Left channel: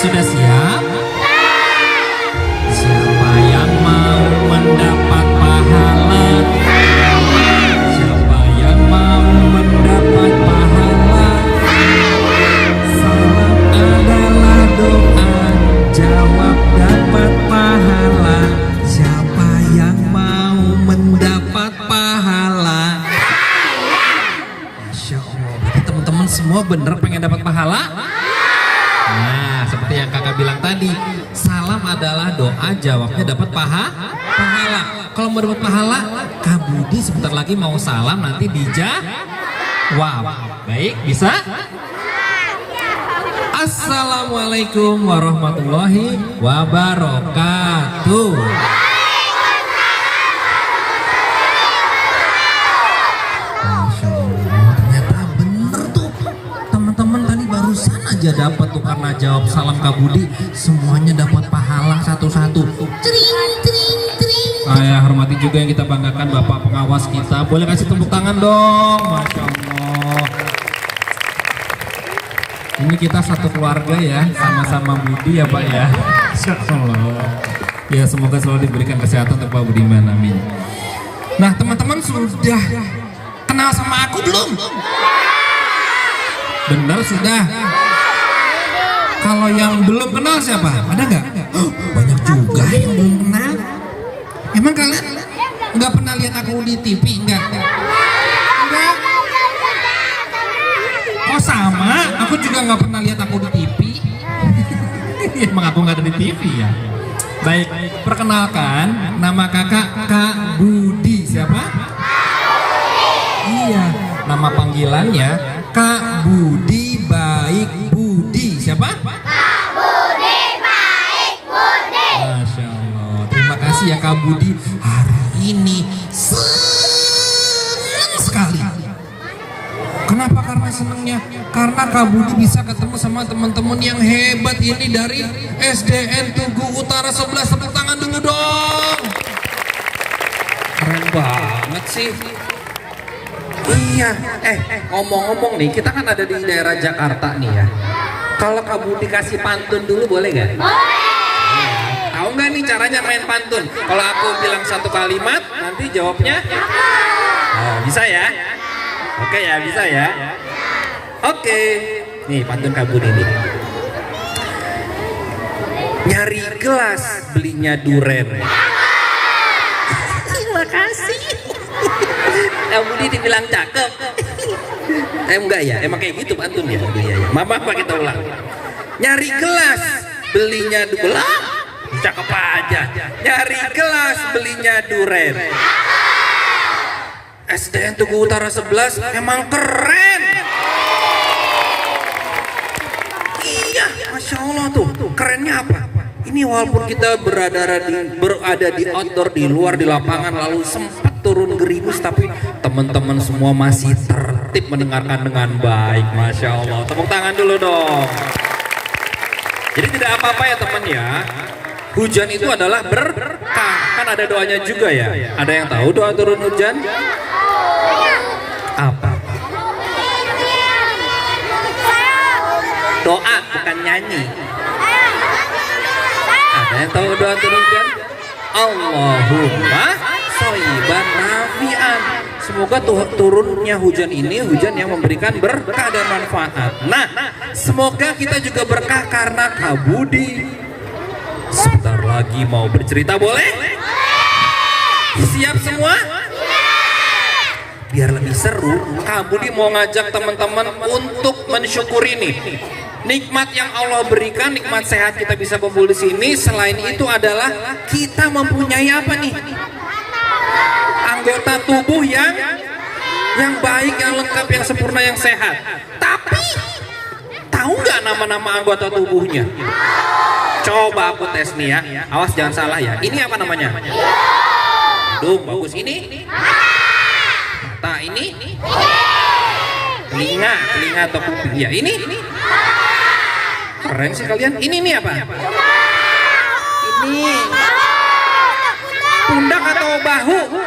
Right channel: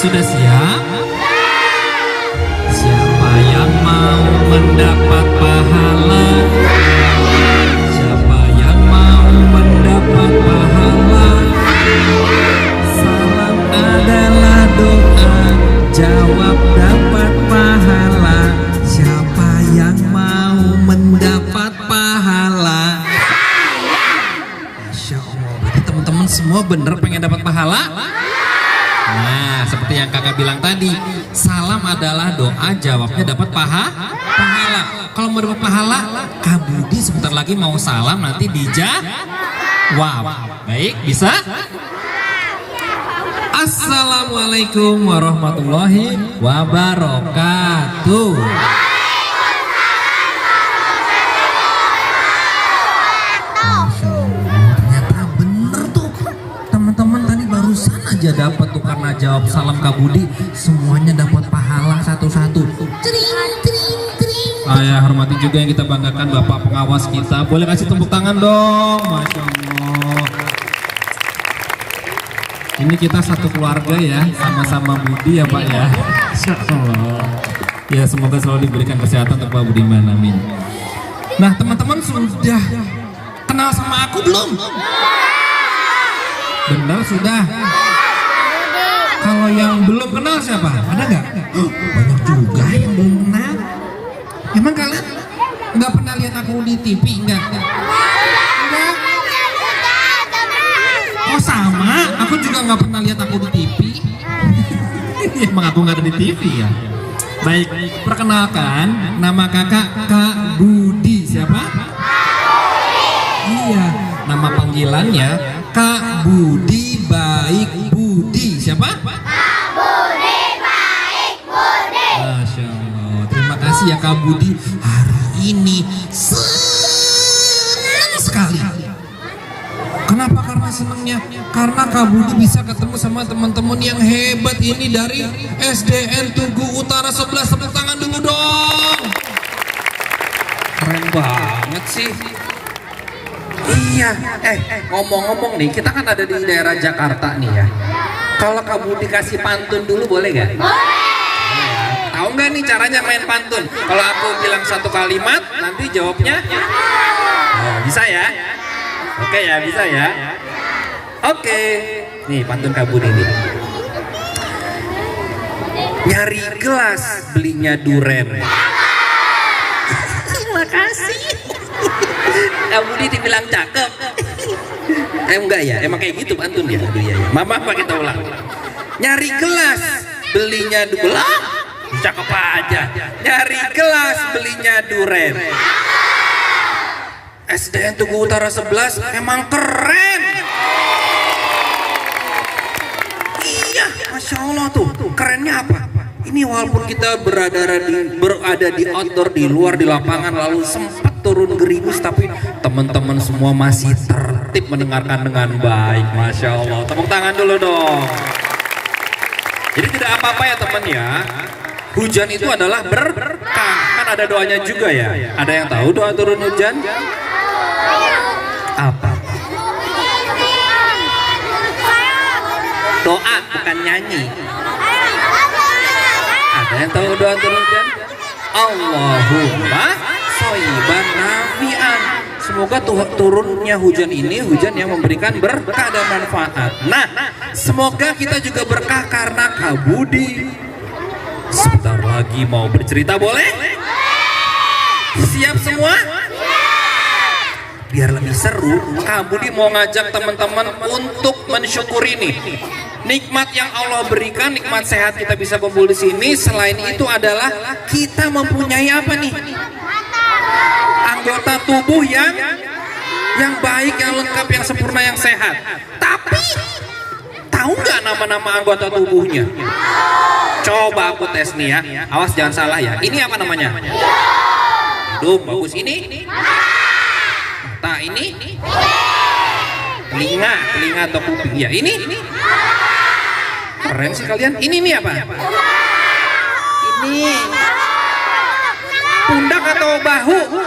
Sudah siap? Siapa yang mau mendapat pahala? Siapa yang mau mendapat pahala? Salam adalah doa, jawab dapat pahala. Siapa yang mau mendapat pahala? Masya Allah, berarti teman-teman semua bener pengen dapat pahala? Nah, seperti yang kakak bilang tadi, salam adalah doa, jawabnya dapat pahala. Kalau mau dapat pahala, Kak Budi sebentar lagi mau salam, nanti dijawab. Baik, bisa? Assalamualaikum warahmatullahi wabarakatuh. Masya Allah, ternyata bener tuh teman-teman, tadi barusan aja dapat tuh karena jawab salam Kak Budi, semuanya dapat pahala satu-satu. Saya hormati juga yang kita banggakan Bapak pengawas kita. Boleh kasih tepuk tangan dong. Masya Allah. Ini kita satu keluarga ya, sama-sama Budi ya Pak ya. Masya Allah. Ya, semoga selalu diberikan kesehatan untuk Pak Budiman, amin. Nah teman-teman, sudah kenal sama aku belum? Benar sudah. Kalau yang belum kenal siapa? Ada nggak? Banyak juga yang belum kenal. Emang kalian nggak pernah lihat aku di TV? Enggak. Oh sama, aku juga nggak pernah lihat aku di TV. Emang aku nggak ada di TV ya. Baik, perkenalkan, nama kakak Kak Budi. Siapa? Iya, nama panggilannya Kak Budi Baik Budi. Siapa? Kak Budi Baik Budi. Masya Allah, terima kasih ya Kak Budi. Hari ini senang sekali. Kenapa? Karena senangnya karena Kak Budi bisa ketemu sama teman-teman yang hebat ini dari SDN Tugu Utara 11. Tepuk tangan dulu dong. Keren banget sih. Iya, ngomong-ngomong nih, kita kan ada di daerah Jakarta nih ya. Kalau Kak Budi kasih pantun dulu boleh gak? Boleh. Tahu nggak nih caranya main pantun? Kalau aku bilang satu kalimat, nanti jawabnya? Oh, bisa ya? Oke ya, bisa ya? Oke. Nih pantun Kak Budi nih. Nyari gelas, belinya duren. Terima kasih. Kak Budi dibilang cakep. Enggak ya, emang kayak gitu pantun ya. Aduh ya. Mama apa kita ulang? Nyari gelas, belinya duren. Cakep aja. Nyari gelas, belinya duren. SDN Tugu Utara 11 emang keren. Iya, Masya Allah tuh. Kerennya apa? Ini walaupun kita berada di outdoor, di luar, di lapangan, lalu sempat turun gerimis, tapi teman-teman semua masih tertib mendengarkan dengan baik. Masya Allah, tepuk tangan dulu dong. Jadi tidak apa-apa ya teman ya. Hujan itu adalah berkah. Kan ada doanya juga ya. Ada yang tahu doa turun hujan? Apa? Doa, bukan nyanyi. Ada yang tahu doa turun hujan? Allahumma shoyiban nafi'an. Semoga turunnya hujan ini hujan yang memberikan berkah dan manfaat. Nah, semoga kita juga berkah karena Kak Budi sebentar lagi mau bercerita, boleh? Siap semua? Biar lebih seru, Kak Budi mau ngajak teman-teman untuk mensyukuri nih nikmat yang Allah berikan, nikmat sehat kita bisa kumpul di sini. Selain itu adalah kita mempunyai apa nih? Anggota tubuh yang baik, yang lengkap, yang sempurna, yang sehat. Tapi tahu nggak nama-nama anggota tubuhnya? Coba aku tes nih ya. Awas jangan salah ya. Ini apa namanya? Hidung, bagus. Ini? Mata, ini? Telinga atau kuping ya? Ini? Keren sih kalian. Ini nih apa? Ini pundak atau bahu?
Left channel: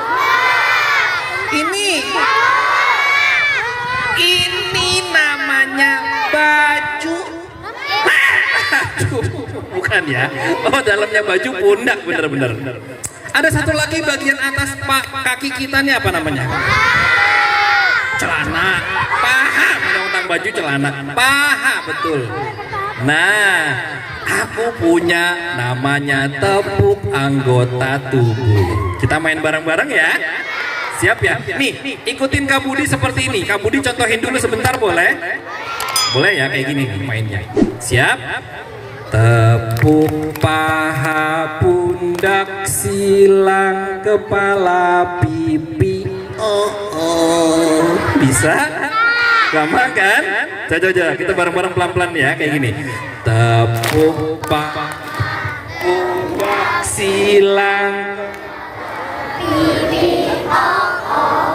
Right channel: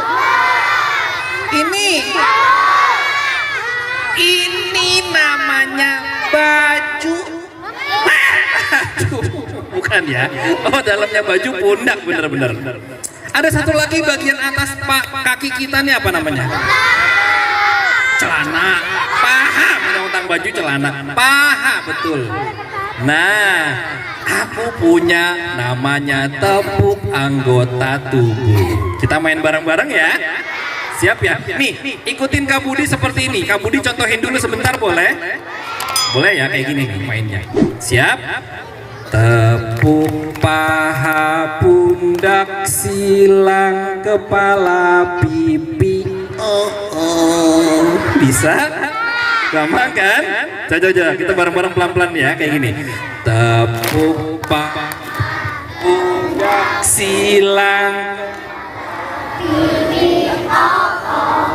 Ini namanya baju. Aduh. tangan ya. Oh, dalamnya baju pundak, bener-bener. Ada satu lagi bagian atas kaki kita nih, apa namanya? Celana. Paha, tentang baju celana. Paha, betul. Nah, aku punya namanya tepuk anggota tubuh. Kita main bareng-bareng ya. Siap ya? Nih, ikutin Kak Budi seperti ini. Kak Budi contohin dulu sebentar, boleh? Boleh ya, kayak gini nih mainnya. Siap? Tepuk paha, pundak, silang, kepala, pipi. Oh. Bisa? Gampang kan? Coba kita bareng-bareng pelan-pelan ya, kayak gini. Tepuk paha, pundak, silang,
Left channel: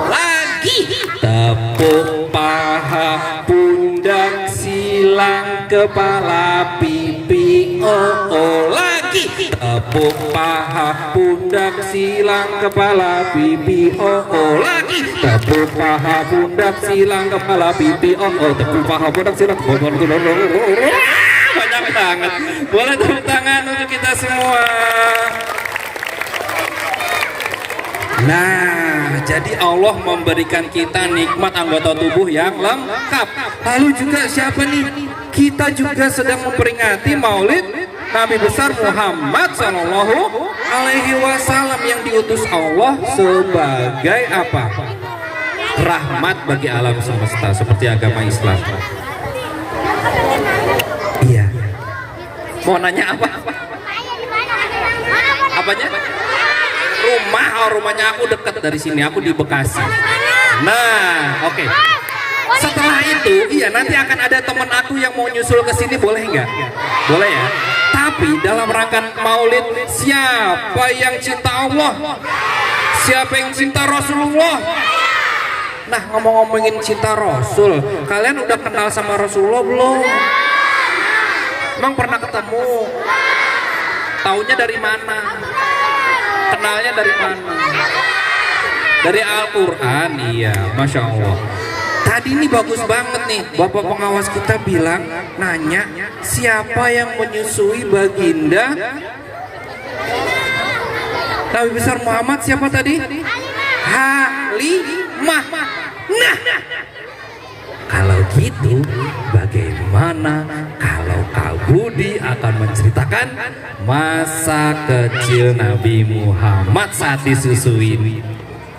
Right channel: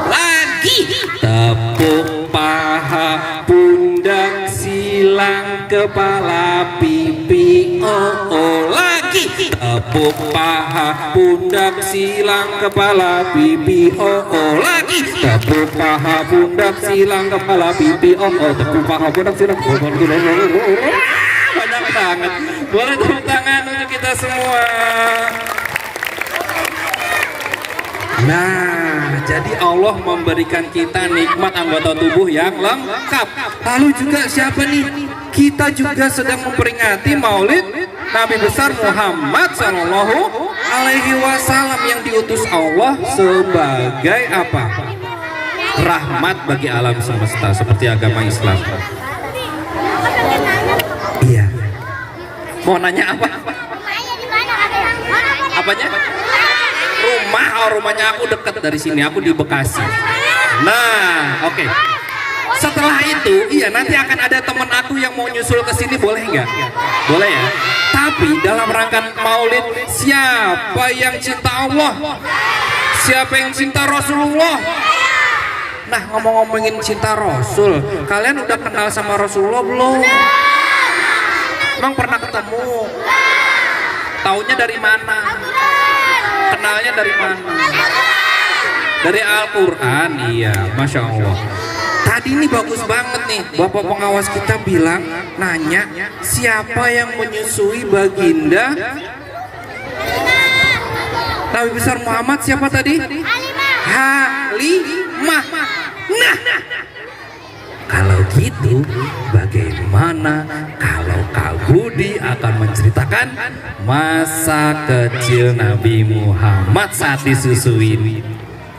lagi. Tepuk paha, pundak, silang, kepala, pipi. Oh, lagi. Tepuk paha, pundak, silang, kepala, pipi. Oh, lagi. Tepuk paha, pundak, silang, kepala, pipi. Oh, tepuk paha, pundak, silang, kepala, pipi. Banyak banget. Boleh tepuk tangan untuk kita semua. Nah, jadi Allah memberikan kita nikmat anggota tubuh yang lengkap. Lalu juga siapa nih? Kita juga sedang memperingati Maulid Nabi besar Muhammad Sallallahu Alaihi Wasallam yang diutus Allah sebagai apa? Rahmat bagi alam semesta, seperti agama Islam. Iya. Mau nanya apa? Apanya? Rumahnya aku dekat dari sini, aku di Bekasi. Nah, oke. Setelah itu, iya nanti akan ada teman aku yang mau nyusul ke sini, boleh nggak? Boleh ya. Tapi dalam rangka Maulid, siapa yang cinta Allah? Siapa yang cinta Rasulullah? Nah, ngomong-ngomongin cinta Rasul, kalian udah kenal sama Rasulullah belum? Emang pernah ketemu? Taunya dari mana? Kenalnya dari mana? Dari Al-Quran. Iya, Masya Allah. Tadi ini bagus banget nih, Bapak pengawas kita bilang, nanya siapa yang menyusui baginda Nabi besar Muhammad, siapa tadi? Halimah. Nah, kalau gitu bagaimana kalau Kak Budi akan menceritakan masa kecil Nabi Muhammad saat disusui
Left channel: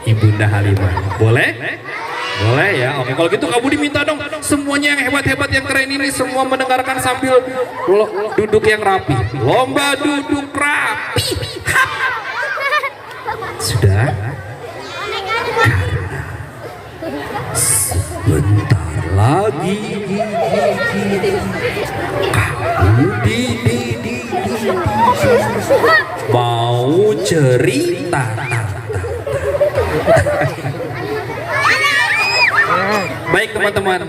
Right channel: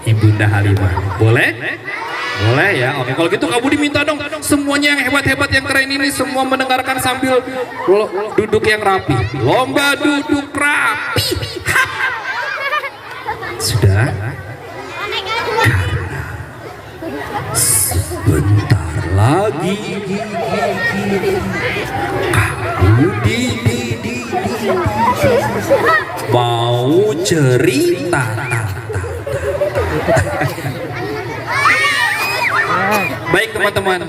Ibunda Halimah? Boleh? Boleh ya. Oke, kalau gitu Kak Budi minta dong semuanya yang hebat-hebat yang keren ini semua mendengarkan sambil duduk yang rapi. Lomba duduk rapi. Sudah? Sebentar lagi mau cerita. Baik teman-teman,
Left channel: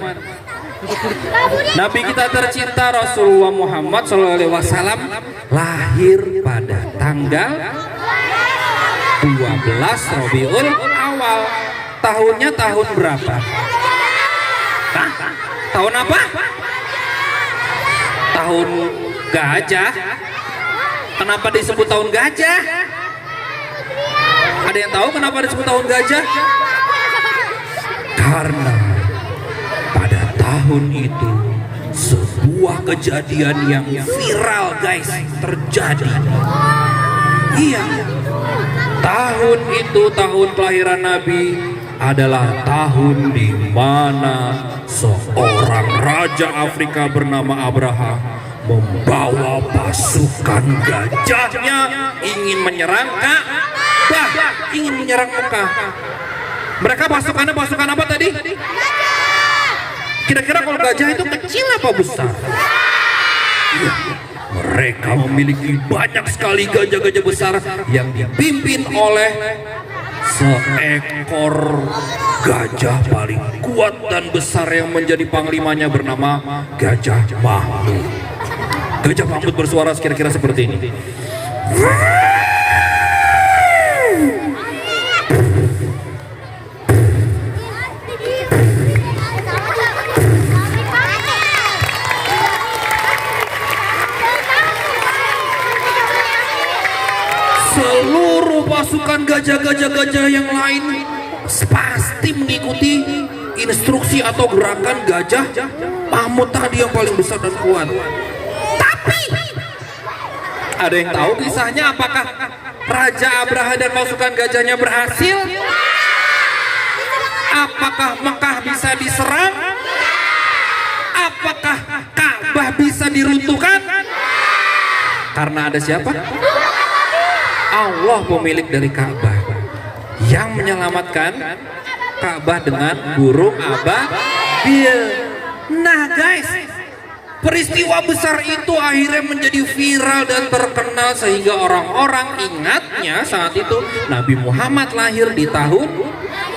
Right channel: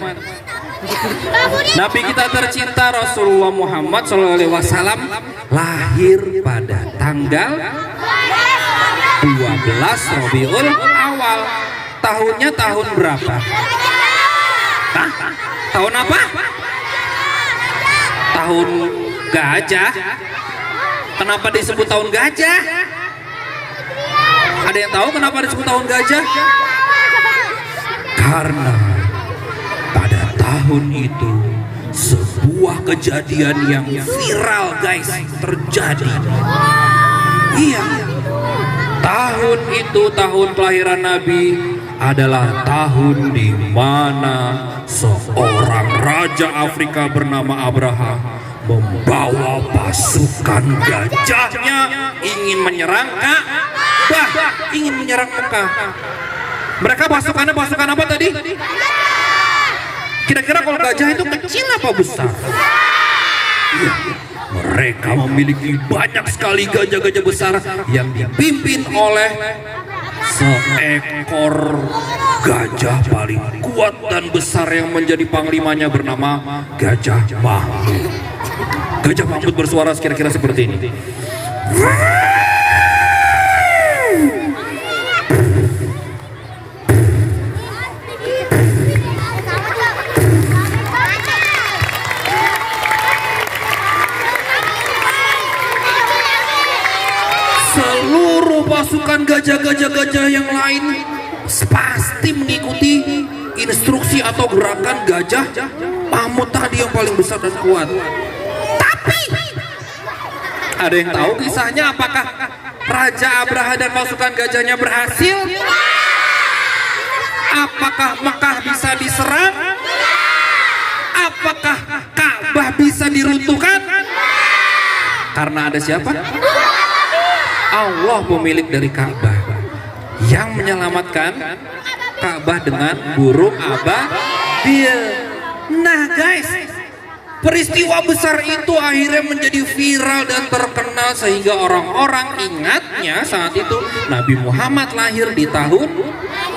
Nabi kita tercinta Rasulullah Muhammad SAW lahir pada tanggal 12 Rabiul Awal. Tahunnya tahun berapa? Hah? Tahun apa? Tahun gajah. Kenapa disebut tahun gajah? Ada yang tahu kenapa disebut tahun gajah? Karena pada tahun itu sebuah kejadian yang viral guys terjadi. Iya, tahun itu tahun kelahiran Nabi adalah tahun di mana seorang raja Afrika bernama Abraham membawa pasukan gajahnya ingin menyerang Ka'bah, ingin menyerang Mekah. Mereka pasukan apa tadi? Kira-kira kalau gajah itu kecil apa besar? Ya, mereka memiliki banyak sekali gajah-gajah besar yang dipimpin oleh seekor gajah paling kuat dan besar yang menjadi panglimanya bernama Gajah Mahmud. Gajah Mahmud bersuara kira-kira seperti ini. seluruh pasukan gajah-gajah yang lain pasti mengikuti instruksi atau gerakan gajah mamut tadi yang paling besar dan kuat. Tapi ada yang tahu kisahnya, apakah Raja Abraha dan pasukan gajahnya berhasil? Apakah Mekah bisa diserang? Apakah Ka'bah bisa diruntuhkan? Karena ada siapa? Allah pemilik dari Ka'bah yang menyelamatkan Ka'bah dengan burung ababil. Nah guys, peristiwa besar itu akhirnya menjadi viral dan terkenal sehingga orang-orang ingatnya saat itu Nabi Muhammad lahir di tahun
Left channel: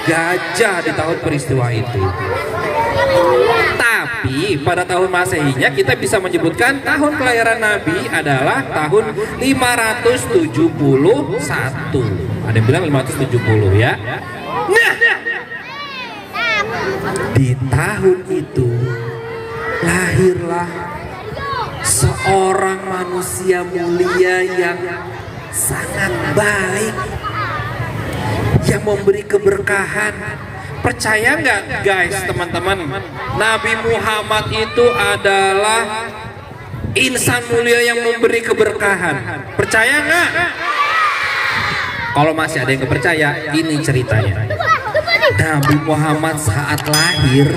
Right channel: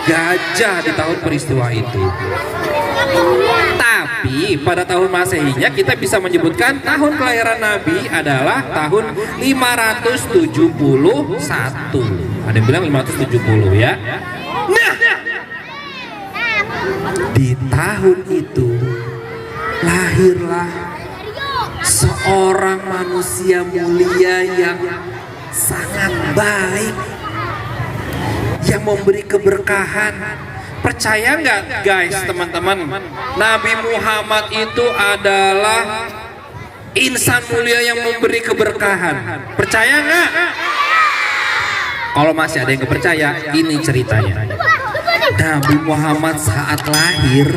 gajah, di tahun peristiwa itu. Tapi pada tahun Masehinya kita bisa menyebutkan tahun kelahiran Nabi adalah tahun 571. Ada yang bilang 570 ya. Nah, di tahun itu lahirlah seorang manusia mulia yang sangat baik, yang memberi keberkahan. Percaya nggak guys teman-teman, Nabi Muhammad itu adalah insan mulia yang memberi keberkahan. Percaya nggak? Kalau masih ada yang nggak percaya, ini ceritanya. Nabi Muhammad saat lahir,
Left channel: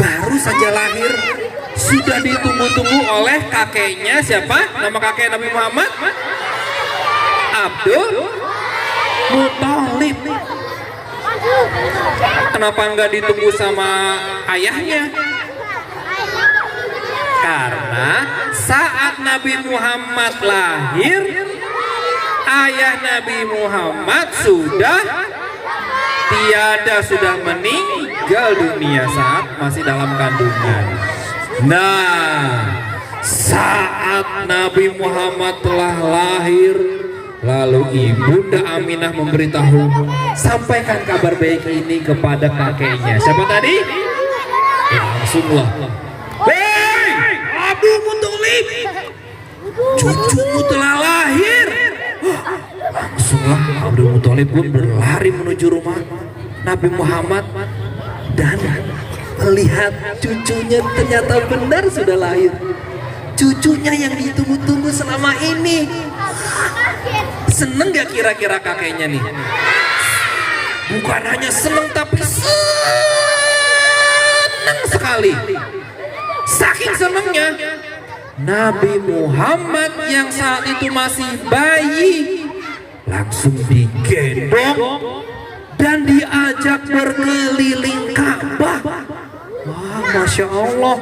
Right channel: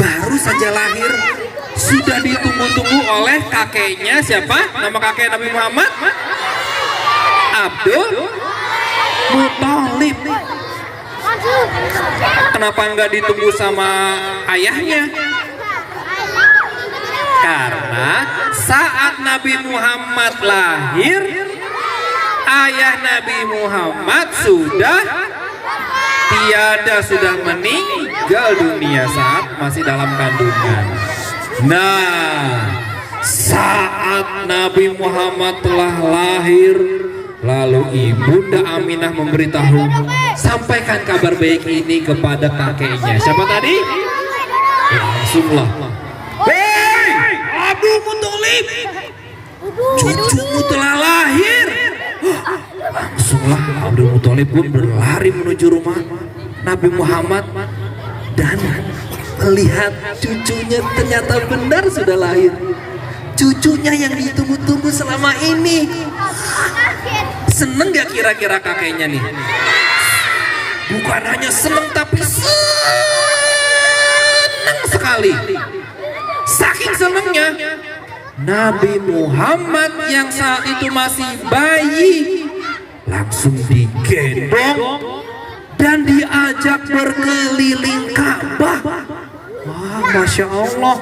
baru saja lahir, sudah ditunggu-tunggu oleh kakeknya. Siapa nama kakek Nabi Muhammad? Abdul Muthalib. Kenapa nggak ditunggu sama ayahnya? Karena saat Nabi Muhammad lahir, ayah Nabi Muhammad sudah tiada, sudah meninggal dunia saat masih dalam kandungan. Nah, saat Nabi Muhammad telah lahir, lalu Ibunda Aminah memberitahu, sampaikan kabar baik ini kepada kakeknya. Siapa tadi? Langsunglah, hei Abdul Muthalib, cucumu telah lahir. Langsunglah Abdul Muthalib pun berlari menuju rumah Nabi Muhammad dan melihat cucunya ternyata benar sudah lahir. Cucunya yang ditunggu-tunggu selama ini. Seneng gak kira-kira kakeknya nih? Bukan hanya seneng, tapi seneng sekali. Saking senengnya, Nabi Muhammad yang saat itu masih bayi langsung digendong dan diajak berkeliling Ka'bah. Wah, Masya Allah.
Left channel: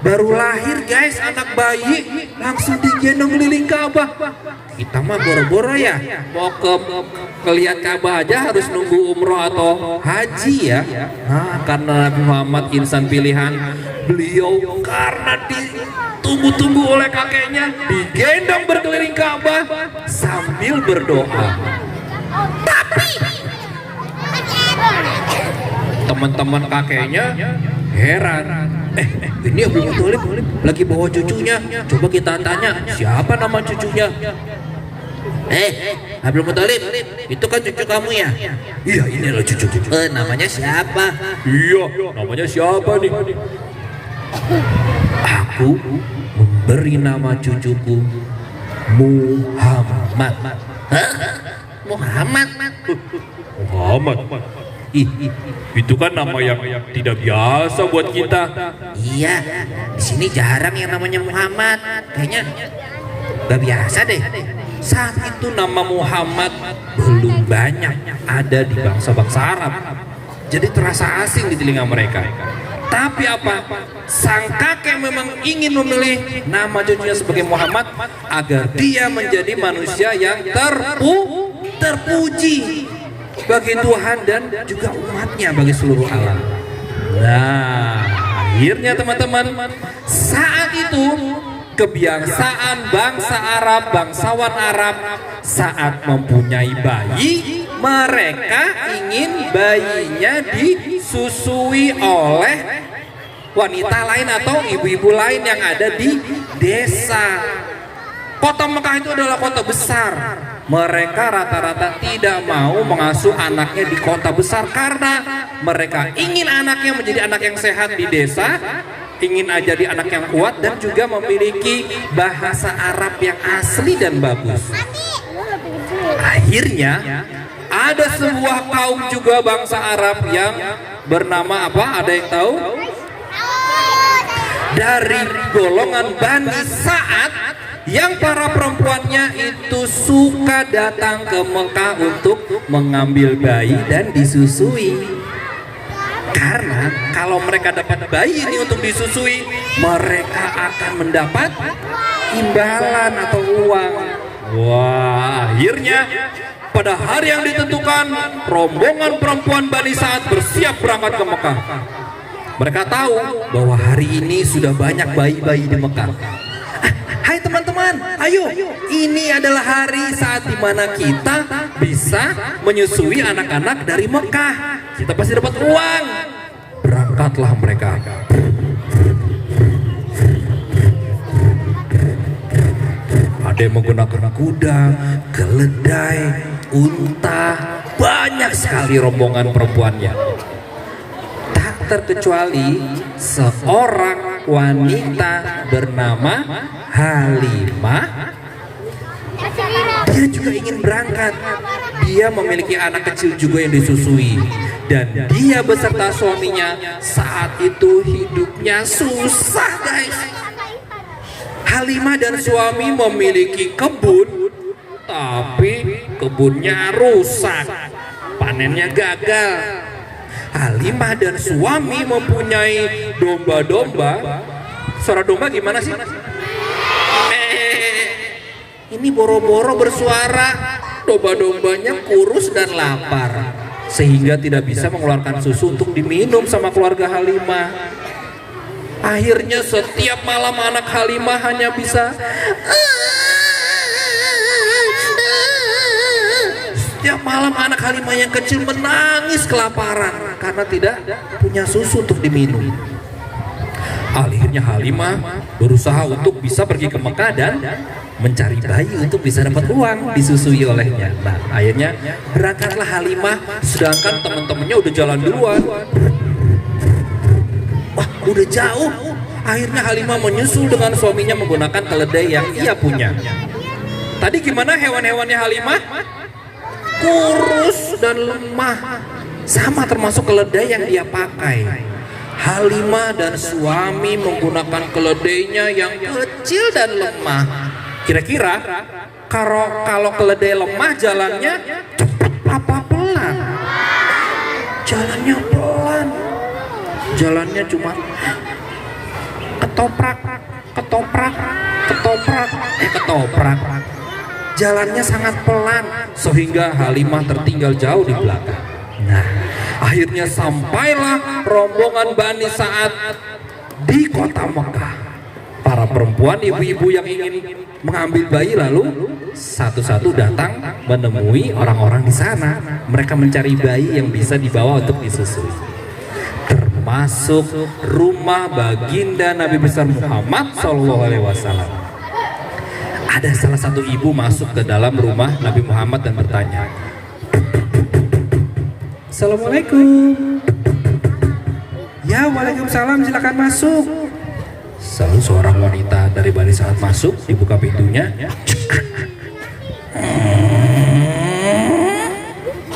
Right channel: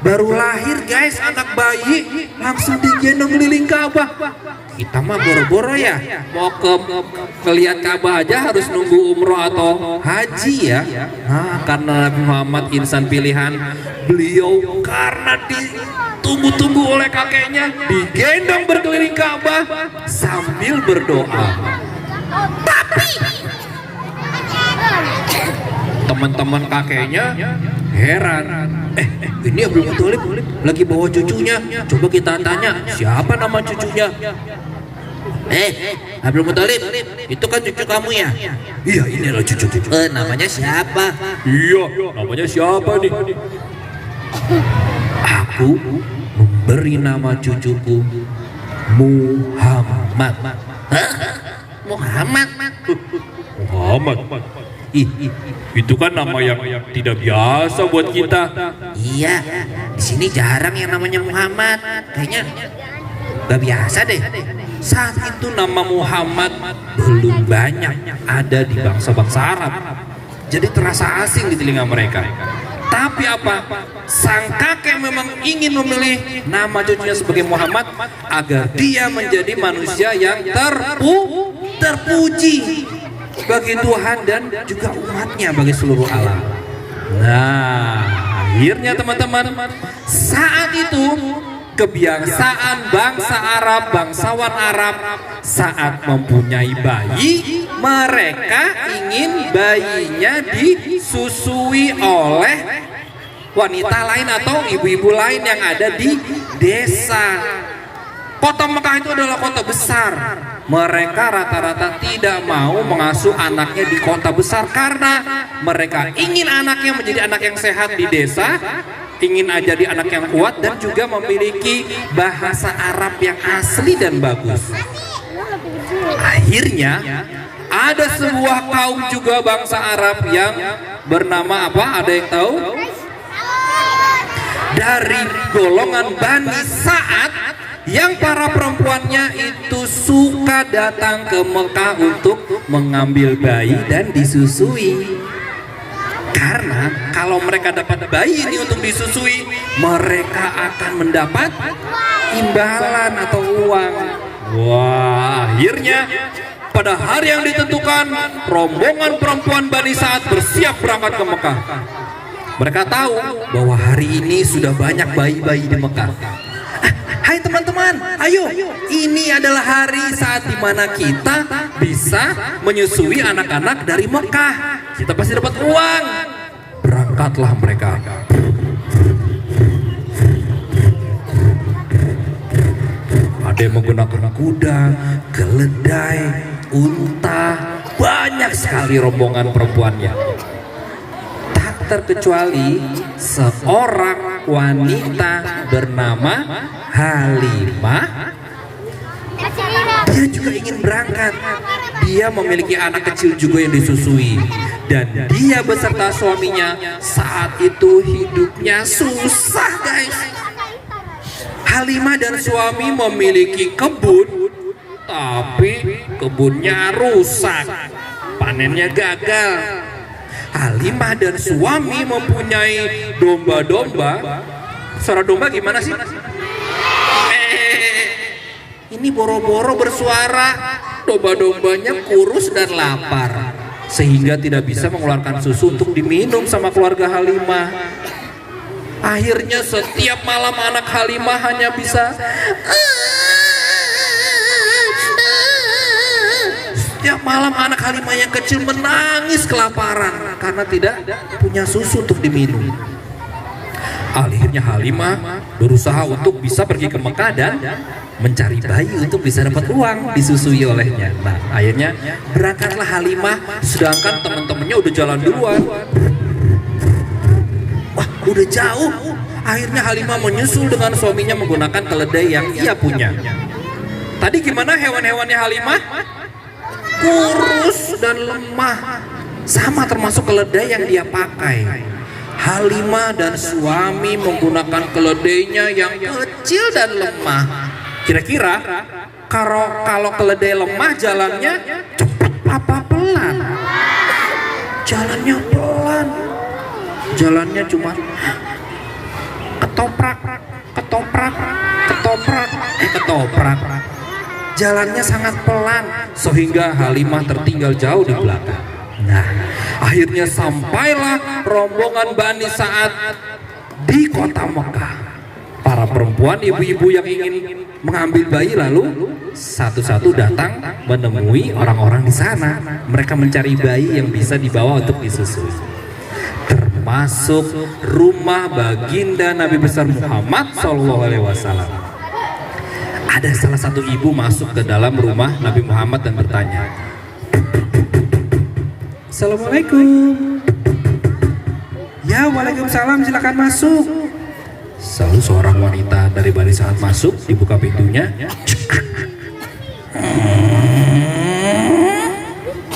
Baru lahir guys, anak bayi langsung digendong keliling Ka'bah. Kita mah boro-boro ya, mau lihat Ka'bah aja harus nunggu umroh atau haji ya. Nah, karena Nabi Muhammad insan pilihan, beliau karena ditunggu-tunggu oleh kakeknya, digendong berkeliling Ka'bah sambil berdoa. Tapi teman-teman kakeknya heran. Ini Abdul Muthalib lagi bawa cucunya. Coba kita tanya, siapa nama cucunya? Abdul Muthalib, itu kan cucu kamu ya? Iya, inilah cucu. Namanya siapa? Iya, namanya siapa nih? Aku memberi nama cucuku Muhammad. Hah? Muhammad? Muhammad? Itu kan nama yang tidak biasa buat kita. Iya, di sini jarang yang namanya Muhammad. Kayaknya gak biasa deh. Saat itu nama Muhammad belum banyak ada di bangsa-bangsa Arab, jadi terasa asing di telinga mereka. Tapi apa? Sang kakek memang ingin memilih nama cucunya sebagai Muhammad agar dia menjadi manusia yang terpuji bagi Tuhan dan juga umatnya, bagi seluruh alam. Nah, akhirnya teman-teman, saat itu kebiasaan bangsa Arab, bangsawan Arab saat mempunyai bayi, mereka ingin bayinya disusui oleh wanita lain atau ibu-ibu lain yang ada di desa. Kota Mekah itu adalah kota besar. Mereka rata-rata tidak mau mengasuh anaknya di kota besar karena mereka ingin anaknya menjadi anak yang sehat di desa, ingin jadi anak yang kuat dan juga memiliki bahasa Arab yang asli dan bagus. Akhirnya ada sebuah kaum juga bangsa Arab yang bernama apa? Ada yang tahu? Dari golongan Bani Sa'ad yang para perempuannya itu suka datang ke Mekah untuk mengambil bayi dan disusui. Karena kalau mereka dapat bayi ini untuk disusui, mereka akan mendapat imbalan atau uang. Wah, akhirnya pada hari yang ditentukan, rombongan perempuan Bani Sa'ad bersiap berangkat ke Mekah. Mereka tahu bahwa hari ini sudah banyak bayi-bayi di Mekah. Hai teman-teman, ayo, ini adalah hari saat dimana kita bisa menyusui anak-anak dari Mekah. Kita pasti dapat uang. Berangkatlah mereka. Ada yang menggunakan kuda, keledai, unta, banyak sekali rombongan perempuannya. Tak terkecuali seorang wanita bernama Halimah. Dia juga ingin berangkat. Dia memiliki anak kecil juga yang disusui. Dan dia beserta suaminya saat itu hidupnya susah, guys. Halimah dan suami memiliki kebun, tapi kebunnya rusak, panennya gagal. Halimah dan suami mempunyai domba-domba. Suara domba gimana sih? Ini boro-boro bersuara. Domba-dombanya kurus dan lapar, sehingga tidak bisa mengeluarkan susu untuk diminum sama keluarga Halimah. Akhirnya setiap malam anak Halimah hanya bisa setiap malam anak Halimah yang kecil menangis kelaparan karena tidak punya susu untuk diminum. Akhirnya Halimah berusaha untuk bisa pergi ke Mekah dan mencari bayi untuk bisa dapat uang disusui olehnya. Nah, akhirnya berangkatlah Halimah, sedangkan teman-temannya udah jalan duluan. Wah, udah jauh. Akhirnya Halimah menyusul dengan suaminya menggunakan keledai yang ia punya. Tadi gimana hewan-hewannya Halimah? Kurus dan lemah, sama termasuk keledai yang dia pakai. Halimah dan suami menggunakan keledainya yang kecil dan lemah. Kira-kira kalau keledai lemah jalannya cepat apa pelan? Jalannya pelan. Jalannya cuma ketoprak, ketoprak, ketoprak, ketoprak. Jalannya sangat pelan sehingga Halimah tertinggal jauh di belakang. Nah, akhirnya sampailah rombongan Bani Sa'ad di kota Mekah. Para perempuan, ibu-ibu yang ingin mengambil bayi lalu satu-satu datang menemui orang-orang di sana. Mereka mencari bayi yang bisa dibawa untuk disusui. Termasuk rumah baginda Nabi besar Muhammad SAW. Ada salah satu ibu masuk ke dalam rumah Nabi Muhammad dan bertanya, "Assalamualaikum." "Ya, waalaikumsalam, silakan masuk." Lalu seorang wanita dari Bani Sa'ad masuk, dibuka pintunya.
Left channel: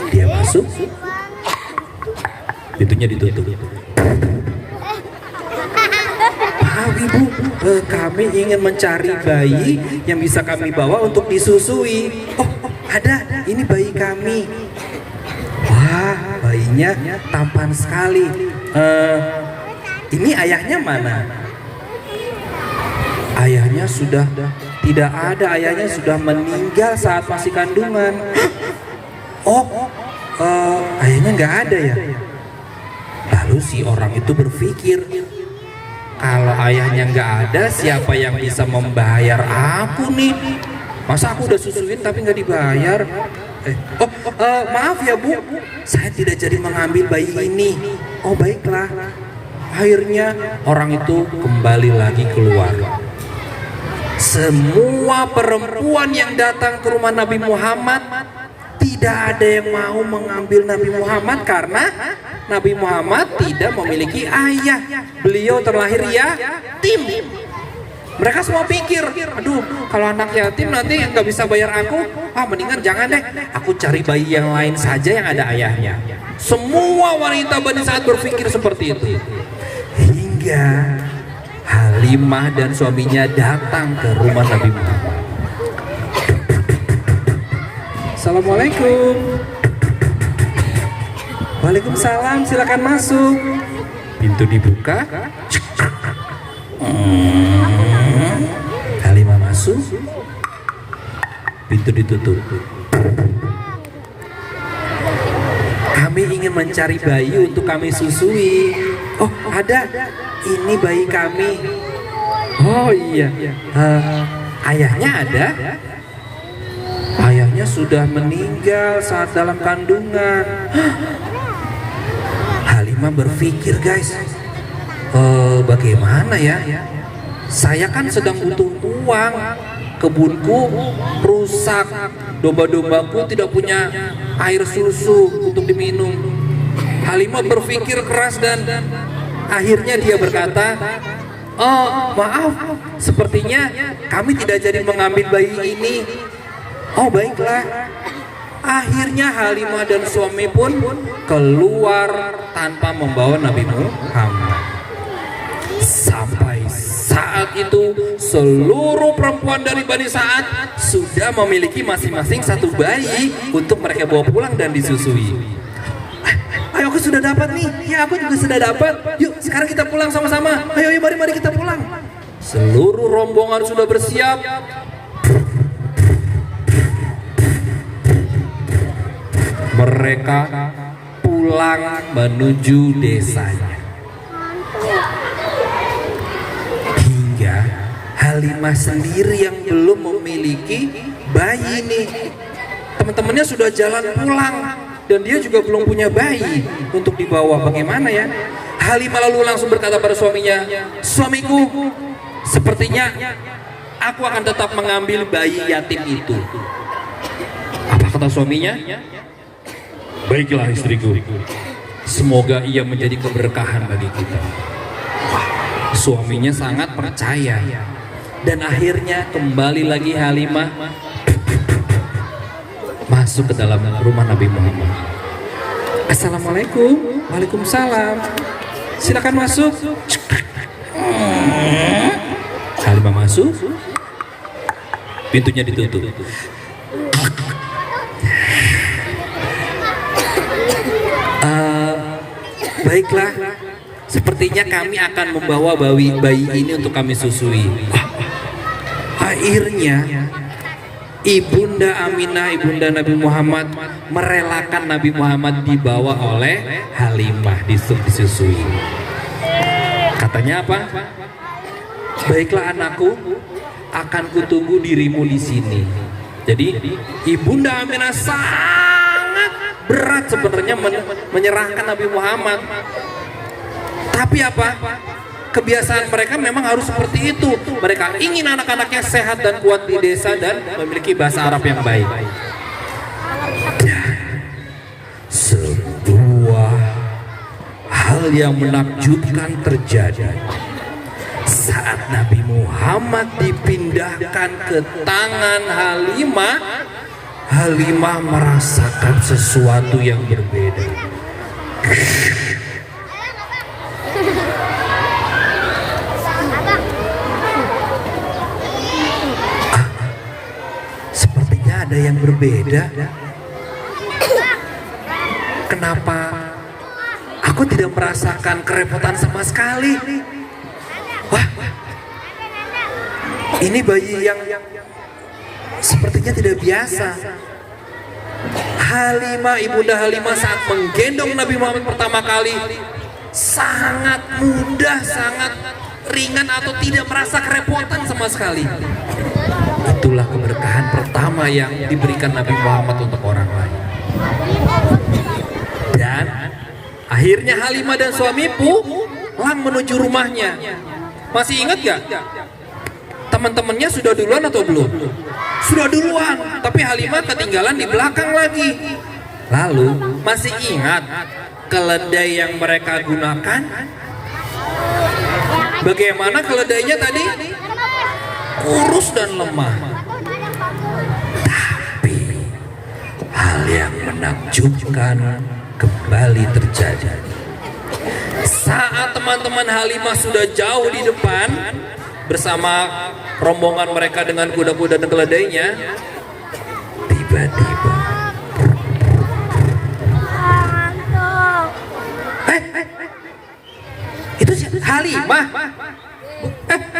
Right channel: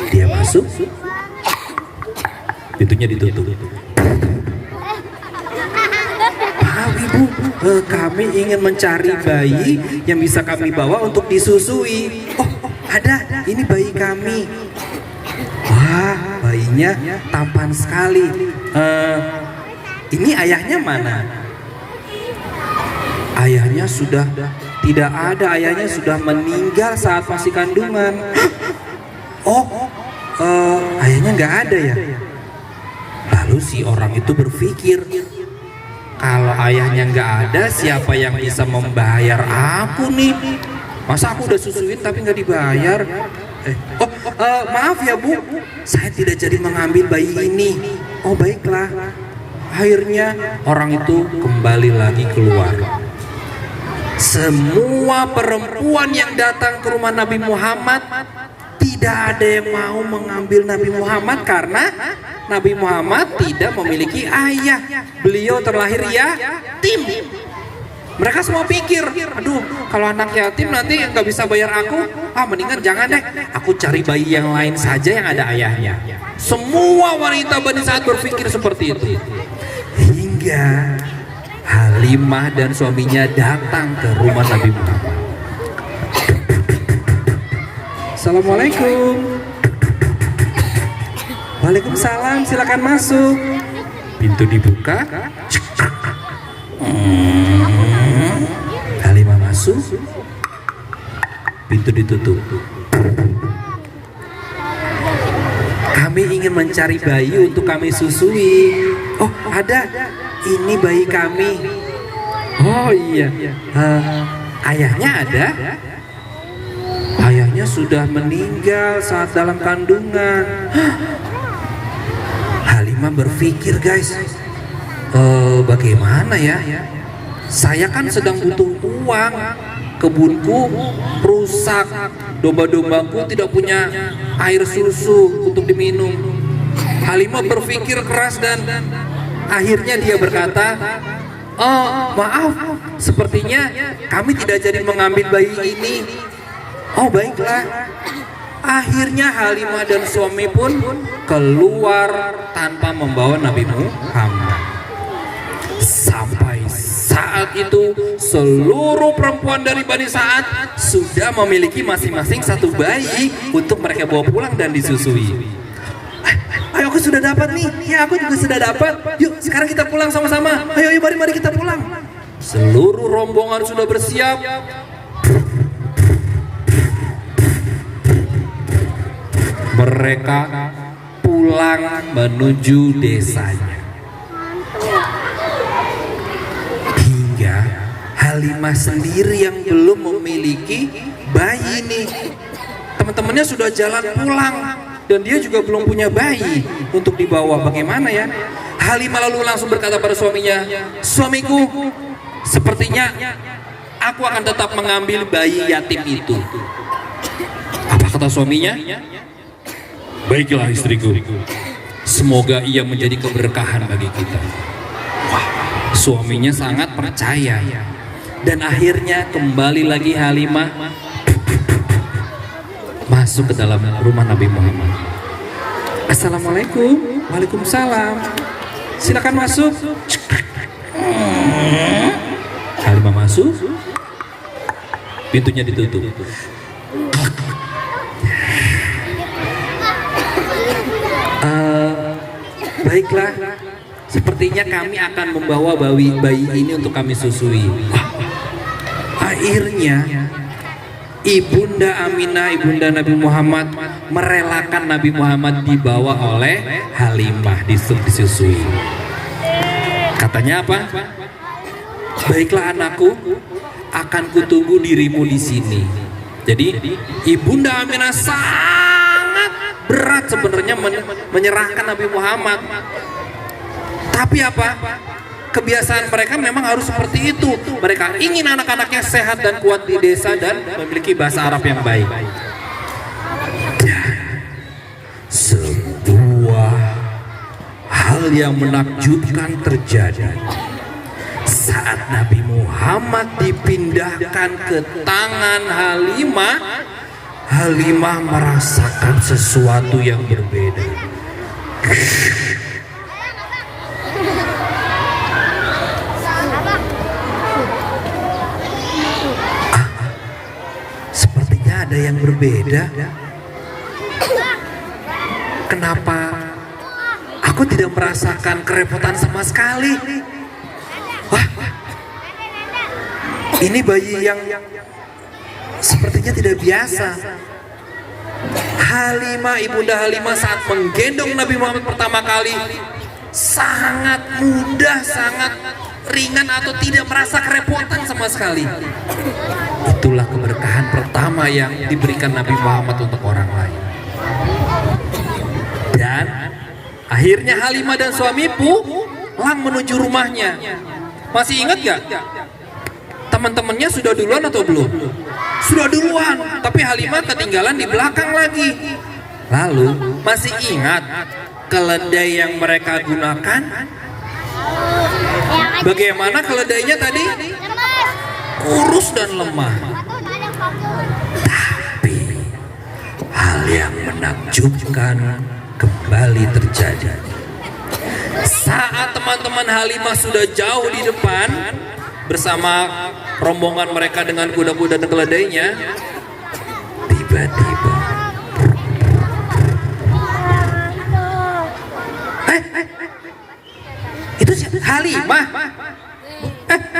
Dia masuk, pintunya ditutup. "Ibu, kami ingin mencari bayi yang bisa kami bawa untuk disusui." Oh, ada, ini bayi kami." Wah, bayinya tampan sekali. Ini ayahnya mana? Ayahnya sudah tidak ada, ayahnya sudah meninggal saat masih kandungan. Oh, ayahnya nggak ada ya? Lalu si orang itu berpikir, kalau ayahnya nggak ada, siapa yang bisa membayar aku nih? Masa aku udah susuin tapi nggak dibayar? Maaf ya Bu, saya tidak jadi mengambil bayi ini. Oh baiklah. Akhirnya orang itu kembali lagi keluar. Semua perempuan yang datang ke rumah Nabi Muhammad tidak ada yang mau mengambil Nabi Muhammad karena Nabi Muhammad tidak memiliki ayah. Beliau terlahir yatim. Mereka semua pikir, aduh kalau anak yatim nanti nggak bisa bayar aku, mendingan jangan deh, aku cari bayi yang lain saja yang ada ayahnya. Semua wanita Bani Sa'ad berpikir seperti itu. Hingga Halimah dan suaminya datang ke rumah Nabi Muhammad. Assalamualaikum. Waalaikumsalam, silakan masuk. Pintu dibuka. Halimah masuk. Pintu ditutup. Kami ingin mencari bayi untuk kami susui. Oh, ada. Ini bayi kami. Oh iya. Ayahnya ada? Ayahnya sudah meninggal saat dalam kandungan. Halimah berpikir, guys, bagaimana ya? Saya kan sedang butuh uang. Kebunku rusak, domba-dombaku tidak punya air susu untuk diminum. Halimah berpikir keras dan akhirnya dia berkata, oh maaf, sepertinya kami tidak jadi mengambil bayi ini. Oh baiklah. Akhirnya Halimah dan suami pun keluar tanpa membawa Nabi Muhammad. Sampai saat itu seluruh perempuan dari Bani Sa'ad sudah memiliki masing-masing satu bayi untuk mereka bawa pulang dan disusui. Ayo, aku sudah dapat nih. Ya, aku juga sudah dapat. Yuk sekarang kita pulang sama-sama. Ayo mari kita pulang. Seluruh rombongan sudah bersiap. Mereka pulang menuju desanya. Hingga Halimah sendiri yang belum memiliki bayi nih. Teman-temannya sudah jalan pulang dan dia juga belum punya bayi untuk dibawa. Bagaimana ya? Halimah lalu langsung berkata pada suaminya, suamiku, sepertinya aku akan tetap mengambil bayi yatim itu. Apa kata suaminya? Baiklah istriku, semoga ia menjadi keberkahan bagi kita. Suaminya sangat percaya. Dan akhirnya kembali lagi Halimah masuk ke dalam rumah Nabi Muhammad. Assalamualaikum. Waalaikumsalam. Silakan masuk. Halimah masuk. Pintunya ditutup. Baiklah, sepertinya kami akan membawa bayi ini untuk kami susui. Akhirnya Ibunda Aminah, ibunda Nabi Muhammad, merelakan Nabi Muhammad dibawa oleh Halimah disusui. Katanya apa? Baiklah anakku, akan kutunggu dirimu di sini. Jadi Ibunda Aminah sangat berat sebenarnya menyerahkan Nabi Muhammad. Tapi apa? Kebiasaan mereka memang harus seperti itu. Mereka ingin anak-anaknya sehat dan kuat di desa dan memiliki bahasa Arab yang baik. Dan sebuah hal yang menakjubkan terjadi saat Nabi Muhammad dipindahkan ke tangan Halimah. Halimah merasakan sesuatu yang berbeda. Sepertinya ada yang berbeda. Kenapa aku tidak merasakan kerepotan sama sekali? Wah, ini bayi yang sepertinya tidak biasa. Halimah, ibunda Halimah saat menggendong Nabi Muhammad pertama kali sangat mudah, sangat ringan atau tidak merasa kerepotan sama sekali. Itulah keberkahan pertama yang diberikan Nabi Muhammad untuk orang lain. Dan akhirnya Halimah dan suami pulang menuju rumahnya. Masih ingat gak? teman-temannya sudah duluan atau belum? Sudah duluan, tapi Halimah ketinggalan di belakang lagi. Lalu masih ingat keledai yang mereka gunakan? Bagaimana keledainya tadi? Kurus dan lemah. Tapi hal yang menakjubkan kembali terjadi. Saat teman-teman Halimah sudah jauh di depan bersama rombongan mereka dengan kuda-kuda dan keledainya, tiba-tiba itu Halimah.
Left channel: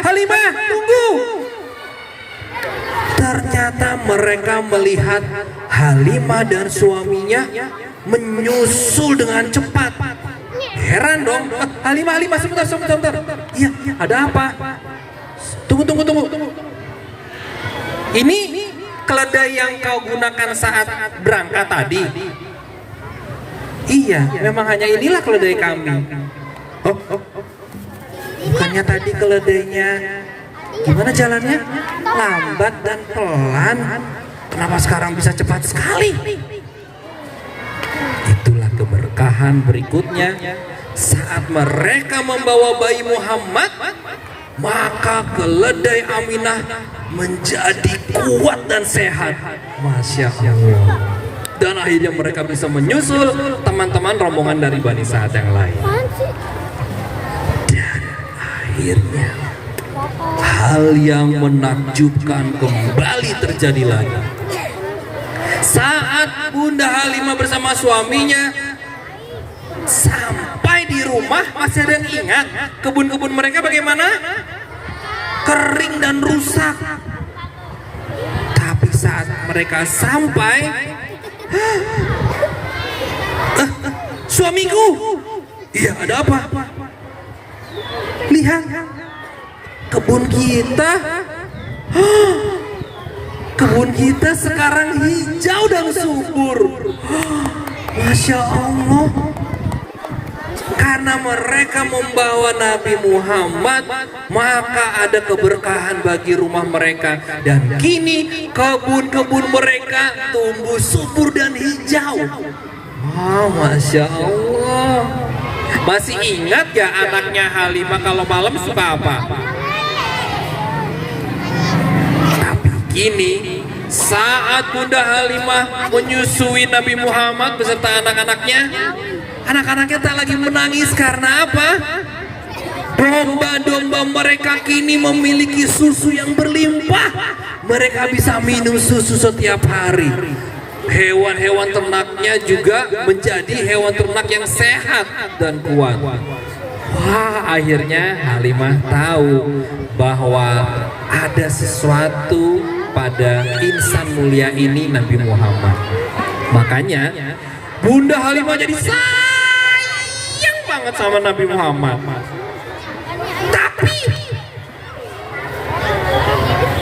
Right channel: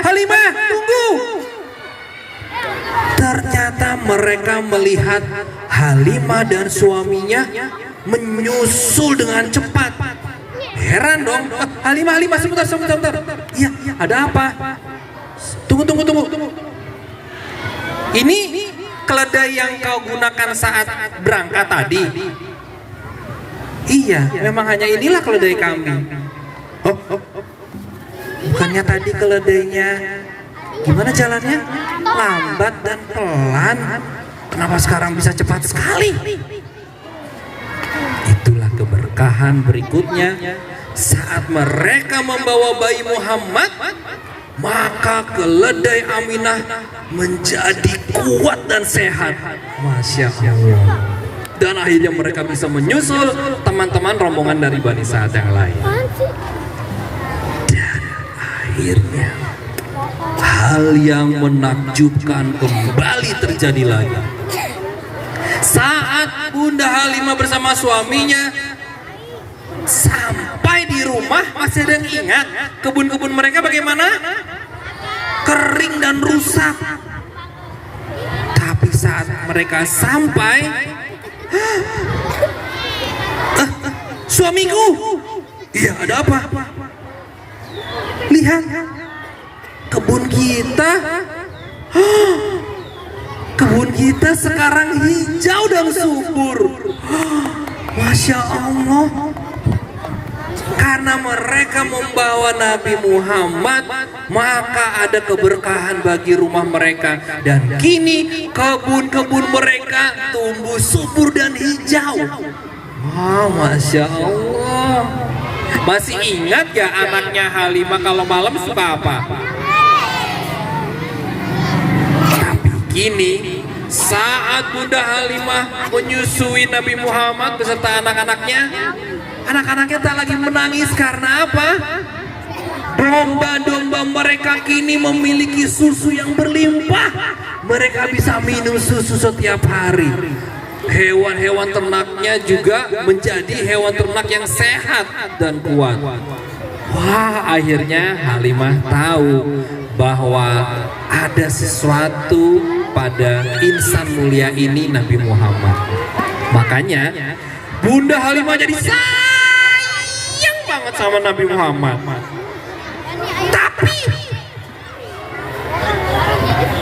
Halimah, tunggu. Ternyata mereka melihat Halimah dan suaminya menyusul dengan cepat. Heran dong. Halimah, sebentar. Iya, ada apa? Tunggu. Ini keledai yang kau gunakan saat berangkat tadi? Iya, memang hanya inilah keledai kami. Oh. Bukannya tadi keledainya gimana jalannya? Lambat dan pelan. Kenapa sekarang bisa cepat sekali? Itulah keberkahan berikutnya. Saat mereka membawa bayi Muhammad, maka keledai Aminah menjadi kuat dan sehat. Masya Allah. Dan akhirnya mereka bisa menyusul teman-teman rombongan dari Bani Sa'ad yang lain. Dan akhirnya hal yang menakjubkan kembali terjadi lagi. Saat Bunda Halimah bersama suaminya sampai di rumah, masih ada yang ingat kebun-kebun mereka bagaimana? Kering dan rusak. Tapi saat mereka sampai, suamiku, iya ada apa? Lihat kebun kita, kebun kita sekarang hijau dan subur. Masya Allah. Karena mereka membawa Nabi Muhammad, maka ada keberkahan bagi rumah mereka. Dan kini kebun-kebun mereka tumbuh subur dan hijau. Masya Allah. Masih ingat ya anaknya Halimah kalau malam suka apa? Tapi kini saat Bunda Halimah menyusui Nabi Muhammad beserta anak-anaknya, anak-anaknya tak lagi menangis karena apa? Domba-domba mereka kini memiliki susu yang berlimpah. Mereka bisa minum susu setiap hari. Hewan-hewan ternaknya juga menjadi hewan ternak yang sehat dan kuat. Wah, akhirnya Halimah tahu bahwa ada sesuatu pada insan mulia ini, Nabi Muhammad. Makanya Bunda Halimah jadi sayang banget sama Nabi Muhammad. Tapi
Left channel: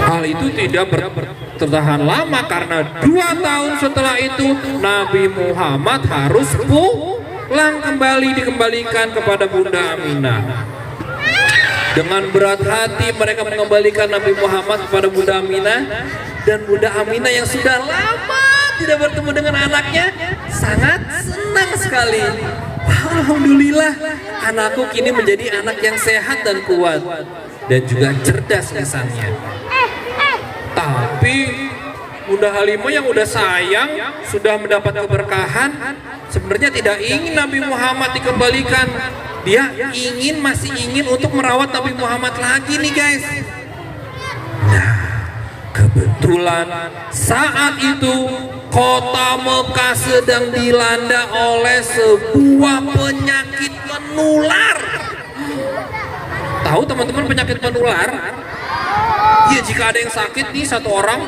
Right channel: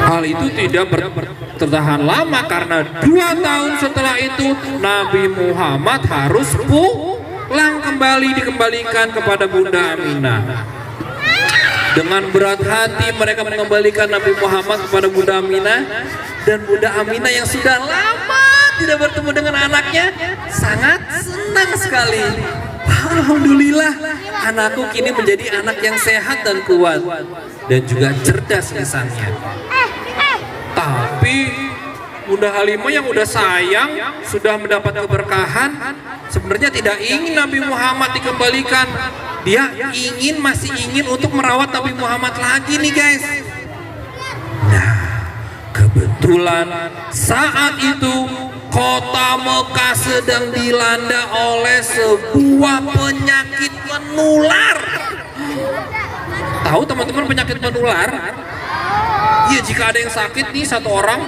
hal itu tidak bertahan lama, karena 2 tahun setelah itu Nabi Muhammad harus pulang kembali, dikembalikan kepada Bunda Aminah. Dengan berat hati mereka mengembalikan Nabi Muhammad kepada Bunda Aminah. Dan Bunda Aminah yang sudah lama tidak bertemu dengan anaknya sangat senang sekali. Alhamdulillah, anakku kini menjadi anak yang sehat dan kuat dan juga cerdas lisannya. Tapi Bunda Halimah yang udah sayang, sudah mendapat keberkahan, sebenarnya tidak ingin Nabi Muhammad dikembalikan. Dia masih ingin untuk merawat Nabi Muhammad lagi nih guys. Nah, kebetulan saat itu kota Mekah sedang dilanda oleh sebuah penyakit menular. Tahu teman-teman penyakit menular? Iya, jika ada yang sakit nih satu orang,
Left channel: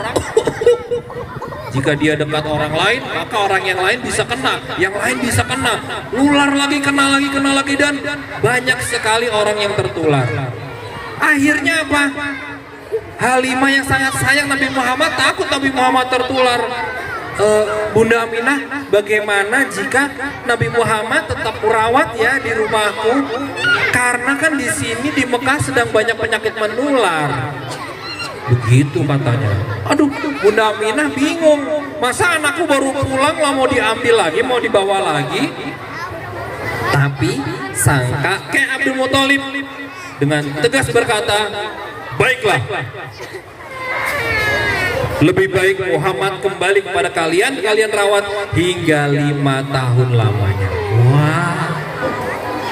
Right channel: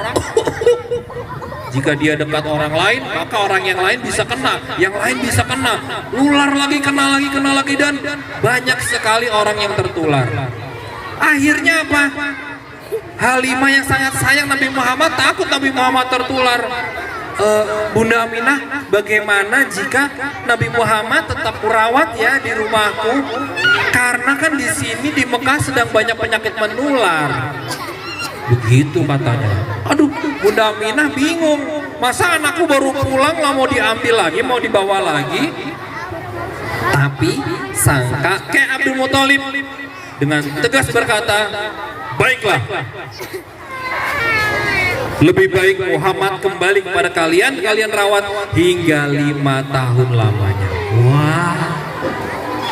jika dia dekat orang lain, maka orang yang lain bisa kena, yang lain bisa kena, ular lagi, kena lagi, dan banyak sekali orang yang tertular. Akhirnya apa? Halimah yang sangat sayang Nabi Muhammad takut Nabi Muhammad tertular. Bunda Aminah, bagaimana jika Nabi Muhammad tetap kurawat ya di rumahku? Karena kan di sini di Mekah sedang banyak penyakit menular. Begitu katanya. Aduh, Bunda Aminah bingung. Masa anakku baru pulang lah mau diambil lagi, mau dibawa lagi? Tapi sang kakek Abdul Muthalib dengan tegas berkata, baiklah. Lebih baik Muhammad kembali kepada kalian, kalian rawat hingga 5 tahun lamanya. Wah.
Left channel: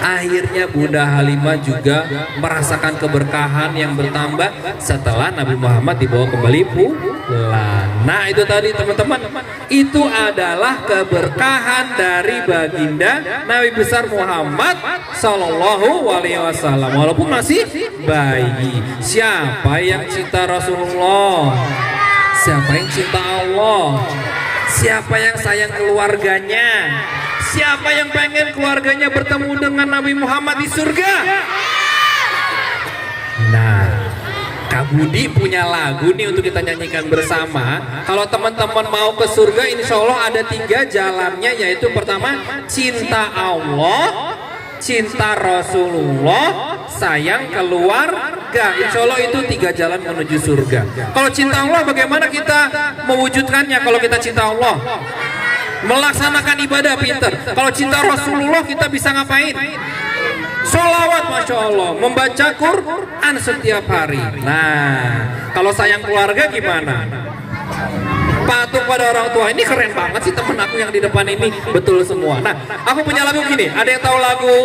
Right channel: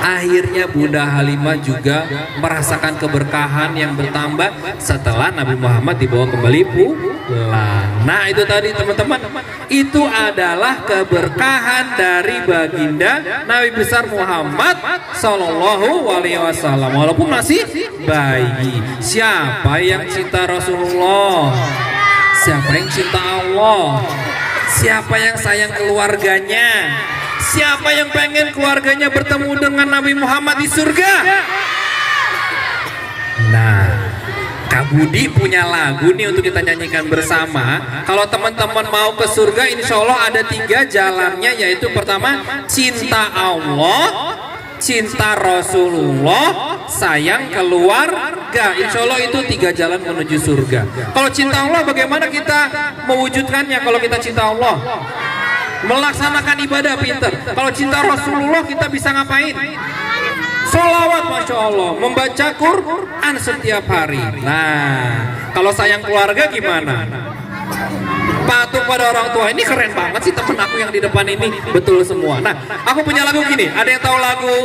Akhirnya Bunda Halimah juga merasakan keberkahan yang bertambah setelah Nabi Muhammad dibawa kembali pulang. Nah itu tadi teman-teman, itu adalah keberkahan dari baginda Nabi besar Muhammad Sallallahu Alaihi Wasallam. Walaupun masih bayi. Siapa yang cinta Rasulullah? Siapa yang cinta Allah? Siapa yang sayang keluarganya? Siapa yang pengen keluarganya bertemu dengan Nabi Muhammad di surga? Nah, Kak Budi punya lagu nih untuk kita nyanyikan bersama. Kalau teman-teman mau ke surga, insya Allah ada 3 jalannya, yaitu pertama cinta Allah, cinta Rasulullah, sayang keluarga. Insya Allah itu 3 jalan menuju surga. Kalau cinta Allah, bagaimana kita mewujudkannya? Kalau kita cinta Allah, melaksanakan ibadah pinter. Kalau cinta Rasulullah, kita bisa ngapain? Sholawat, Masya Allah, membaca Quran setiap hari. Nah, kalau sayang keluarga gimana? Patuh pada orang tua. Ini keren banget sih temen aku yang di depan ini. Betul semua. Nah, aku punya lagu gini. Ada yang tahu lagu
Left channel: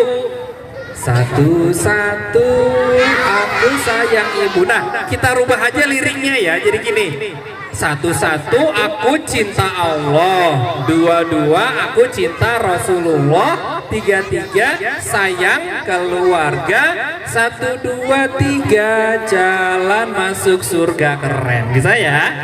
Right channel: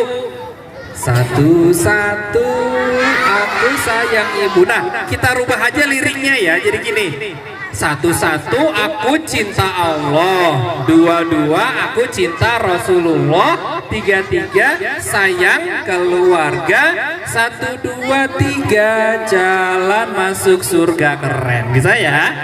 Satu-satu aku sayang ibu? Nah, kita rubah aja liriknya ya. Jadi gini. 1-1 aku cinta Allah, 2-2 aku cinta Rasulullah, 3-3 sayang keluarga, 1-2-3 jalan masuk surga. Keren, bisa ya?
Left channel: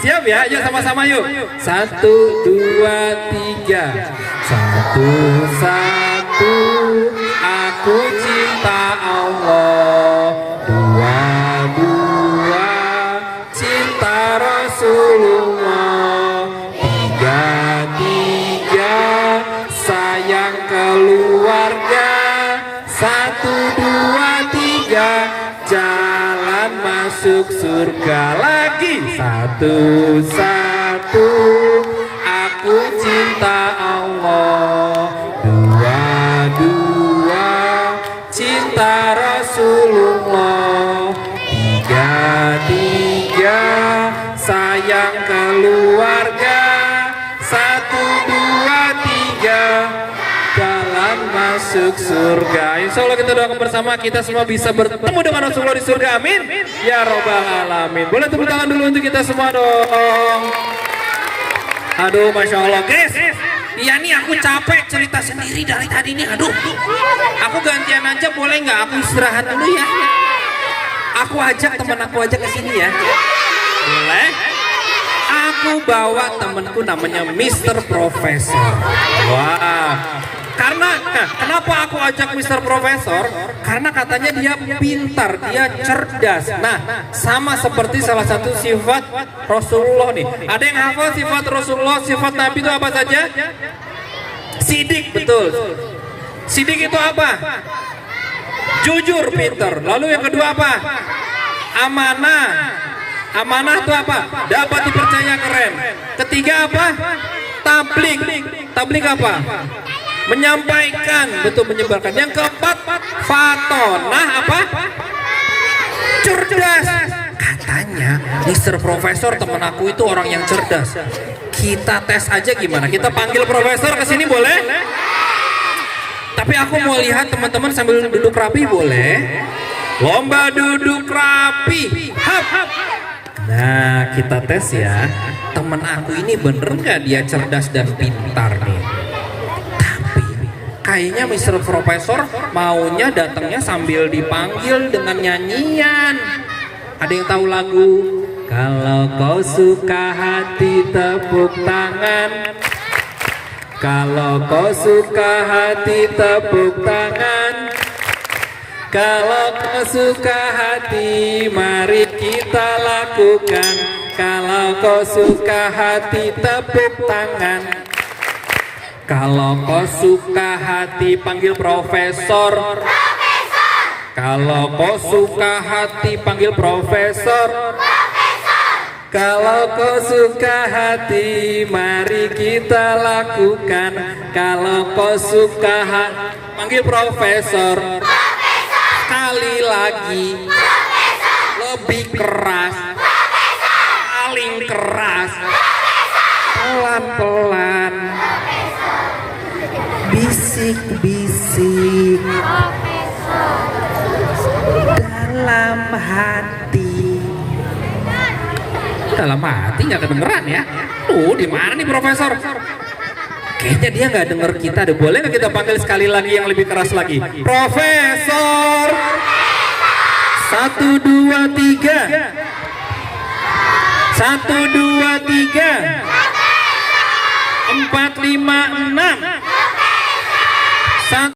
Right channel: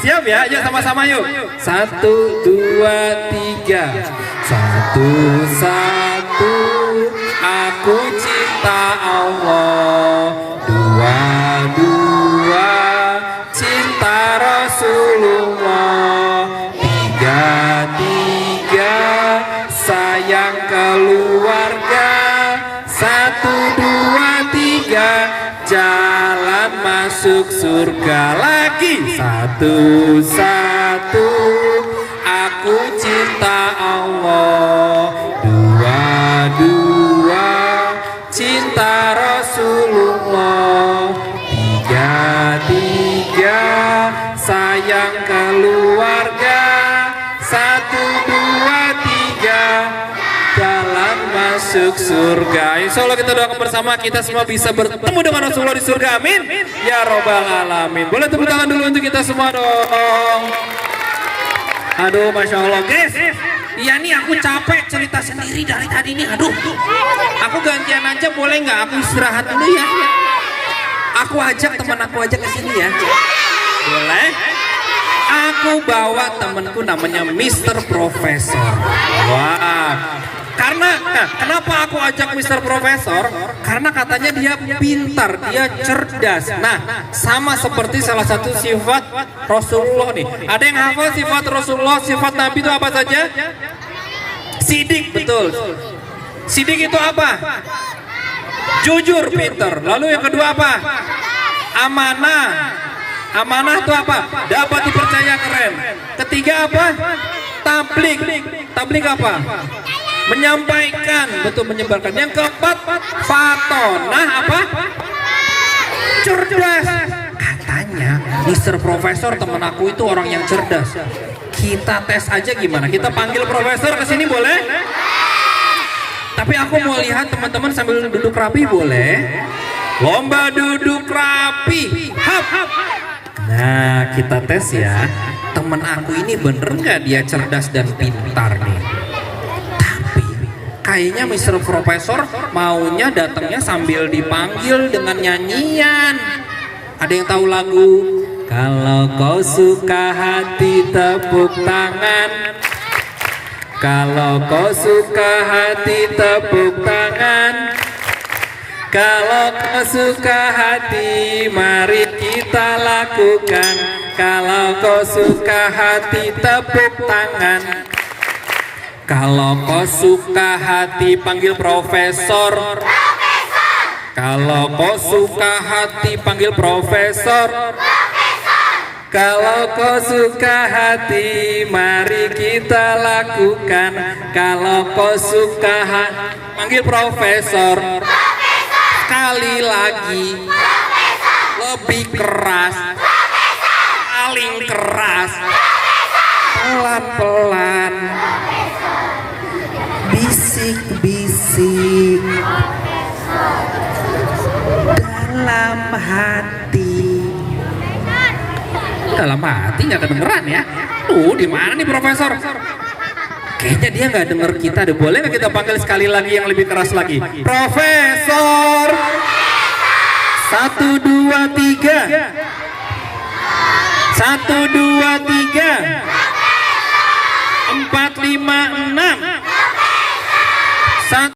Siap ya? Ayo sama-sama yuk. 1-2-3. 1-1 aku cinta Allah, 2-2 cinta Rasulullah, 3-3 sayang keluarga, 1-2-3 jalan masuk surga. Lagi 1-1 aku cinta Allah, 2-2 cinta Rasulullah, 3-3 sayang keluarga, 1-2-3 jalan masuk surga. Insya Allah kita doakan bersama, kita semua bisa bertemu dengan Rasulullah di surga. Amin ya robbal alamin. Boleh tepuk tangan dulu untuk kita semua dong. Aduh, Masya Allah guys. Iya nih, aku capek cerita sendiri dari tadi nih. Aduh, aku gantian aja boleh nggak? Aku istirahat dulu ya. Aku ajak teman aku aja ke sini ya. Boleh? Aku bawa temanku namanya Mr. Profesor. Wah. Kenapa aku ajak Mr. Profesor? Karena katanya dia pintar, dia cerdas. Nah, sama seperti salah satu sifat Rasulullah nih. Ada yang hafal sifat Rasulullah, sifat Nabi itu apa saja? Sidik, betul. Sidik itu apa? Jujur, pintar. Lalu yang kedua apa? Amanah. Amanah itu apa? Dapat dipercaya, keren. Ketiga apa? Tablik. Tablik apa? Menyampaikan, betul, menyebarkan. Yang keempat, fatonah apa? Cerdas. Katanya Mr. Profesor teman aku itu orang yang cerdas. Kita tes aja gimana? Kita panggil Profesor ke sini boleh? Tapi aku mau lihat teman-teman sambil duduk rapi, boleh? Lomba duduk rapi. Hap. Nah, kita tes ya. Teman aku ini bener nggak dia cerdas dan pintar nih? Kayaknya Mr. Profesor maunya datangnya sambil dipanggil dengan nyanyian. Ada yang tahu lagu? Kalau kau suka hati tepuk tangan. Kalau kau suka hati tepuk tangan. Kalau kau suka hati mari kita lakukan. Kalau kau suka hati tepuk tangan. Kalau kau suka hati panggil Profesor. Kalau kau suka hati panggil Profesor. Kalau kau suka hati, mari kita lakukan. Kalau kau suka hati, panggil profesor. Sekali lagi. Lebih keras. Paling keras. Pelan-pelan. Bisik-bisik. Dalam hati. Dalam hati nggak kedengeran ya. Tuh di mana nih profesor? Kayaknya dia nggak denger kita deh. Boleh nggak kita panggil sekali lagi yang lebih keras lagi? Profesor. 1, 2, 3. 1, 2, 3. 4, 5, 6.